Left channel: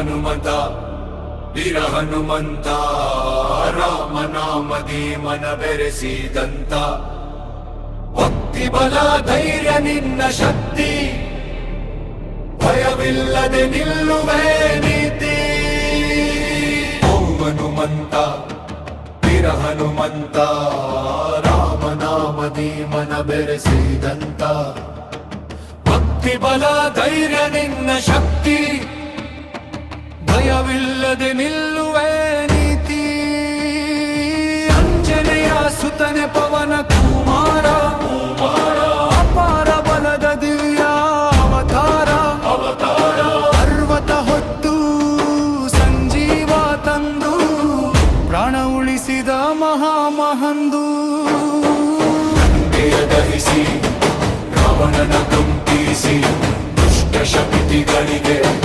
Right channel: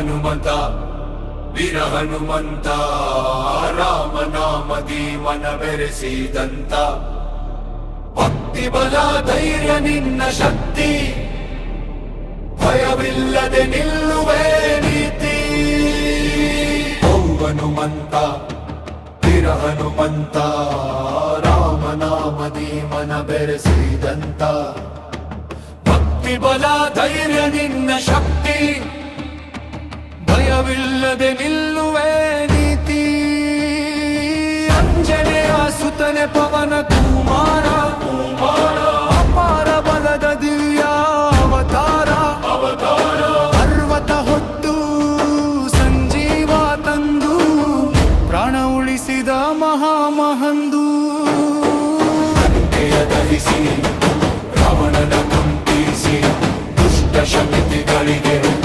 ಹನುಮಂತ, ವೀರ ಹನುಮಂತ, ರಾಮನಾಮದಿ ಮನ ಬೆರೆಸಿದಂತ ಭಕ್ತಿ, ಬಲ, ಧೈರ್ಯ, ನಿನ್ನ ಶಕ್ತಿ. ಭಯವಿಲ್ಲದೆ ನಿಲ್ಲುವೆ ನೀತಿ. ಹನುಮಂತ, ವೀರ ಹನುಮಂತ, ರಾಮನಾಮದಿ ಮನ ಬೆರೆಸಿದಂತ ಭಕ್ತಿ, ಬಲ, ಧೈರ್ಯ, ನಿನ್ನ ಶಕ್ತಿ. ಭಯವಿಲ್ಲದೆ ನಿಲ್ಲುವೆ ನೀತಿ. ಅಂಜನೆಯ ಸುತನೆ ಪವನ ಕುಮಾರ. ಅಪಾರ ಬಲದ ದಿವ್ಯ ಅವತಾರ. ಪರ್ವತ ಹೊತ್ತು ಸಂಜೀವ ತಂದು ಪ್ರಾಣ ಉಳಿಸಿದ ಮಹಾಮಹಂದು. ದಹಿಸಿ, ರಾವಣನ ಕಂಪಿಸಿ, ದುಷ್ಟ ಶಕ್ತಿಗಳಿಗೆ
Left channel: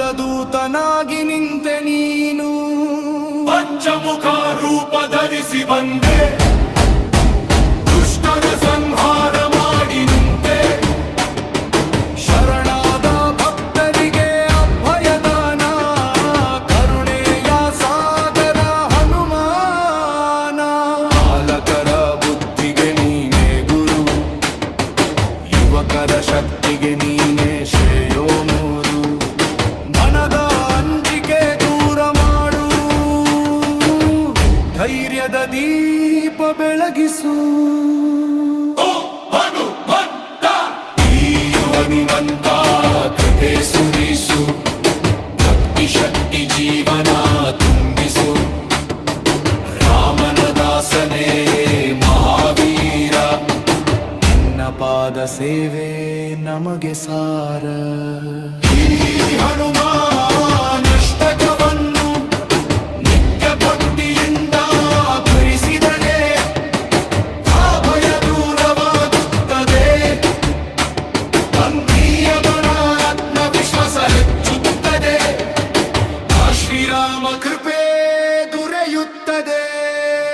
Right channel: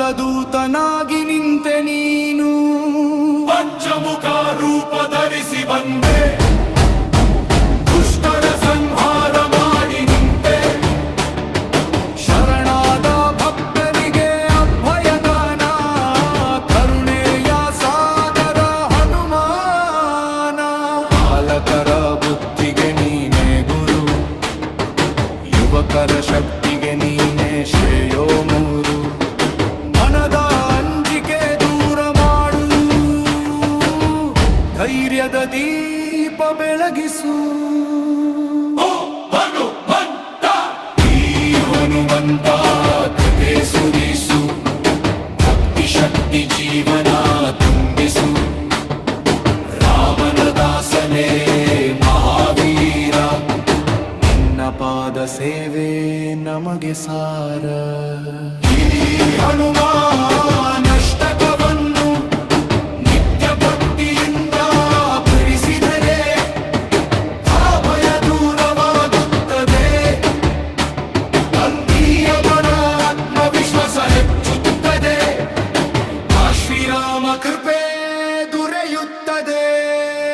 ಧರ್ಮದ ದೂತನಾಗಿ ನಿಂತೆ ನೀನು. ಪಂಚಮುಖ ರೂಪ ಧರಿಸಿ ಬಂದೆ. ದುಷ್ಟರ ಸಂಹಾರ ಮಾಡಿ ನಿಂತೆ. ಶರಣಾದ ಭಕ್ತರಿಗೆ ಅಭಯದಾನ ಕರುಣೆಯ ಸಾಗರ ಹನುಮಾನ. ಬಾಲಕರ ಬುದ್ಧಿಗೆ ನೀನೇ ಗುರು ಯುವಕರ ಶಕ್ತಿಗೆ ನೀನೇ ಶ್ರೇಯೋ ಮೂರು. ಧೈರ್ಯದ ದೀಪ ಬೆಳಗಿಸು. ಸುರಿಸು. ಭಕ್ತಿ ಶಕ್ತಿ ಜೀವನ ತುಂಬಿಸು. ರಾಮನ ದಾಸನೇ ಮಹಾವೀರ ನಿನ್ನ ಪಾದ ಸೇವೆ ನಮಗೆ ಸಾರ. 言ったで